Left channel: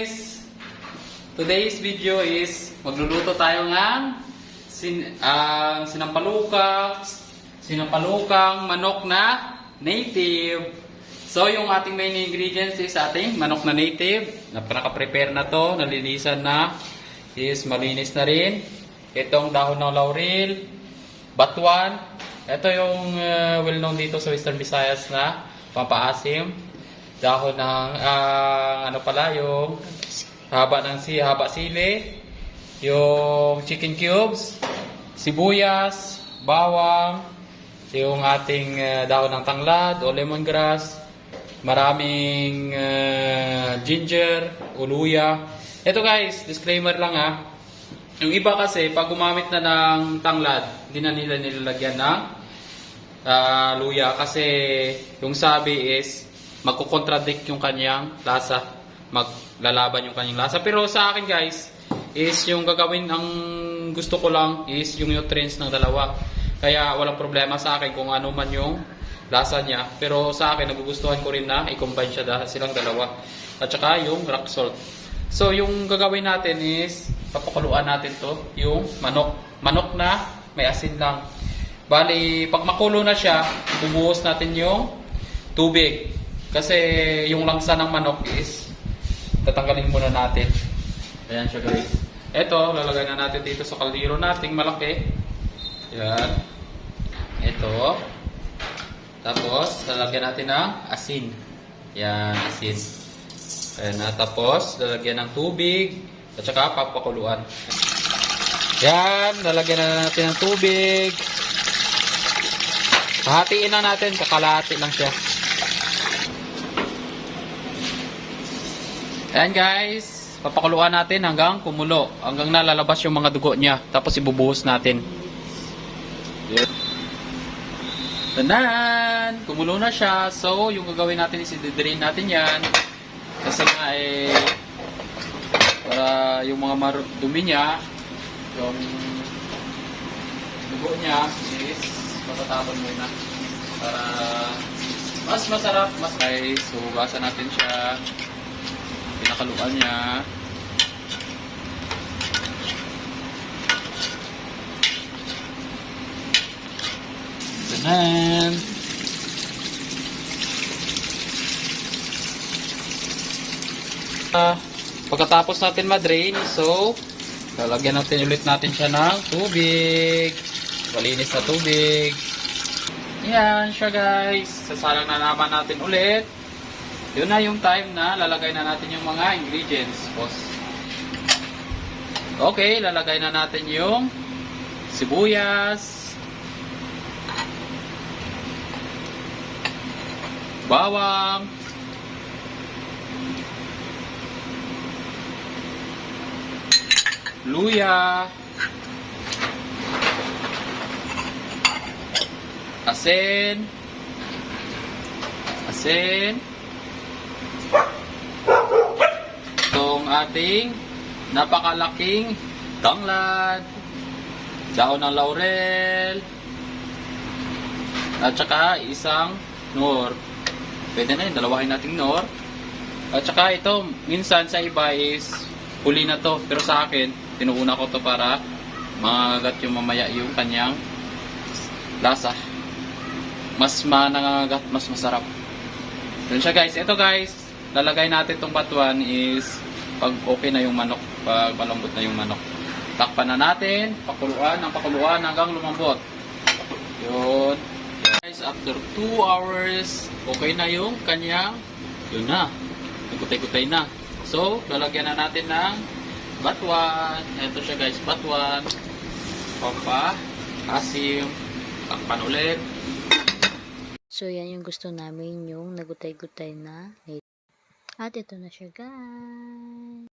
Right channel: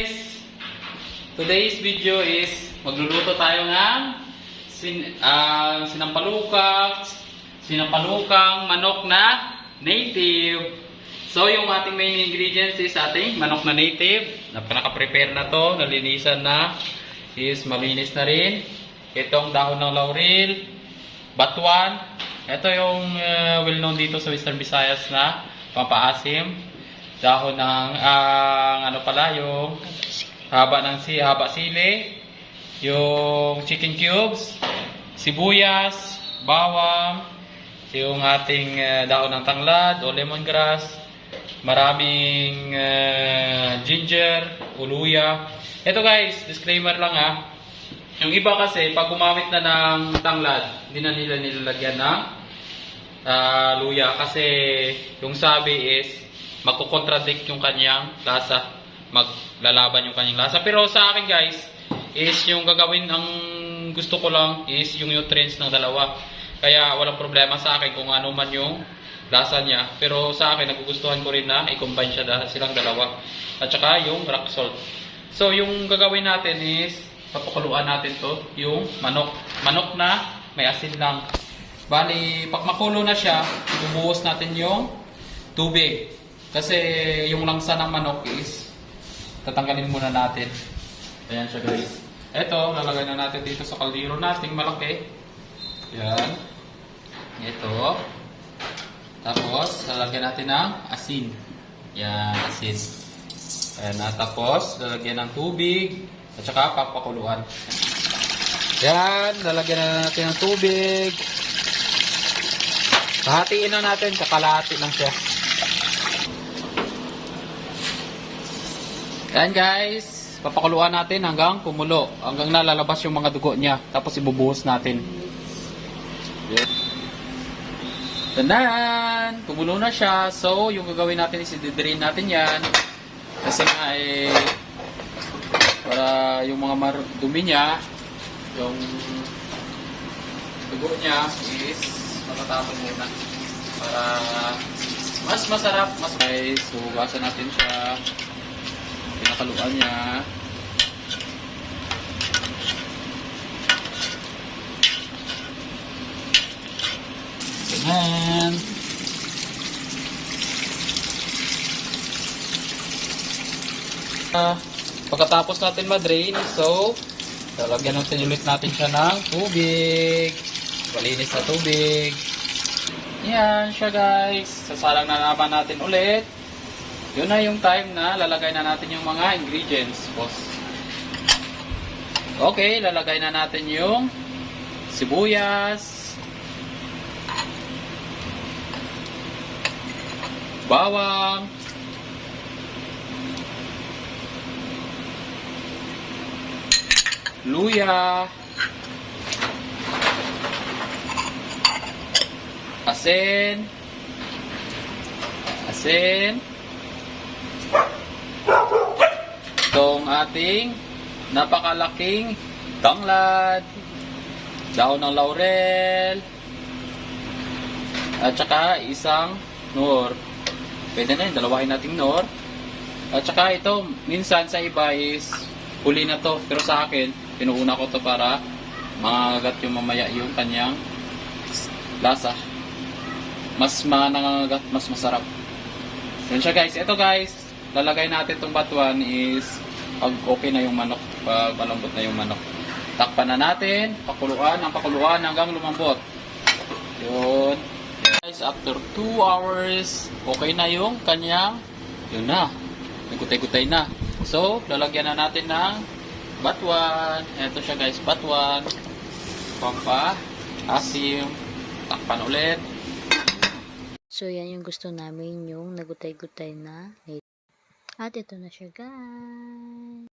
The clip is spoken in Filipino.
guys! Today's video is magluluto tayo ng sinampalukang manok na native. So yung ating main ingredients is ating manok na native. Naka-prepare na to, nalinisan na, is malinis na rin. Itong dahon ng laurel, batuan. Ito yung well-known dito sa Western Visayas na pampaasim. Dahon ng yung haba sili, yung chicken cubes, sibuyas, bawang, yung ating dahon ng tanglad o lemongrass, maraming ginger, uluya. Ito guys, disclaimer lang ha. Yung iba kasi pag gumamit na ng tanglad, hindi na nila nilalagyan ng luya kasi yung sabi is magko-contradict yung kanyang lasa, maglalaban yung kanyang lasa. Pero sa akin guys, is yung gagawin, ang gusto ko lang is yung nutrients ng dalawa. Kaya walang problema sa akin kung ano man yung lasa niya. Pero sa akin, nagugustuhan ko rin na i-combine silang dalawa. At saka yung rock salt. So yung gagawin natin is, papakuluan natin to, yung manok. Manok na may asin lang. Bali, pag makulo na siya, bubuhos natin yung tubig. Kasi yung langsa ng manok is tatanggalin muna natin. Ayan siya guys. Ito, lalagay na natin dito sa kaldero nating malaki. Ayan. Ito. Tapos, lalagyan natin ng asin. Ayan, asin. Ayan na. Tapos, lalagyan ng tubig. At saka papakuluan. Ayan, lalagyan na natin ng tubig. Hahatiin na natin. Kakalahati lang siya. Ayan guys, papakuluan natin hanggang kumulo, hanggang nalalabas yung mga dugo niya. Tapos ibubuhos natin. Tanan! Kumulo na siya. So, yung gagawin natin is i-drain natin yan. Kasi nga para yung mga dumi niya, yung dugo niya is matatapon muna. Para mas masarap. Guys, so hugasan natin siya. Pinakaluan niya. Ganyan. Pagkatapos natin ma-drain, so lalagyan natin ulit natin siya ng tubig. Malinis na tubig. Yan siya guys. Sasalang na naman natin ulit. Yun na yung time na lalagay na natin yung mga ingredients, boss. Okay, lalagay na natin yung sibuyas, bawang, luya, asin, itong ating napakalaking tanglad, dahon ng laurel, at saka isang nor. Pwede na yun, dalawahin nating nor. At saka ito, minsan sa iba is huli na to. Pero sa akin, tinuuna ko to para mangagat yung mamaya yung kanyang lasa. Mas manangagat, mas masarap. Yun siya guys. Ito guys, lalagay natin itong batuan is pag okay na yung manok, pag malambot na yung manok. Takpan na natin, pakuluan hanggang lumambot. Yun. Guys, after 2 hours, okay na yung kanyang, yun na, nagutay-gutay na. So, lalagyan na natin ng batuan. Ito siya guys, batuan. Asim. Takpan ulit. So, yan yung gusto namin, yung nagutay-gutay na. At ito na siya guys.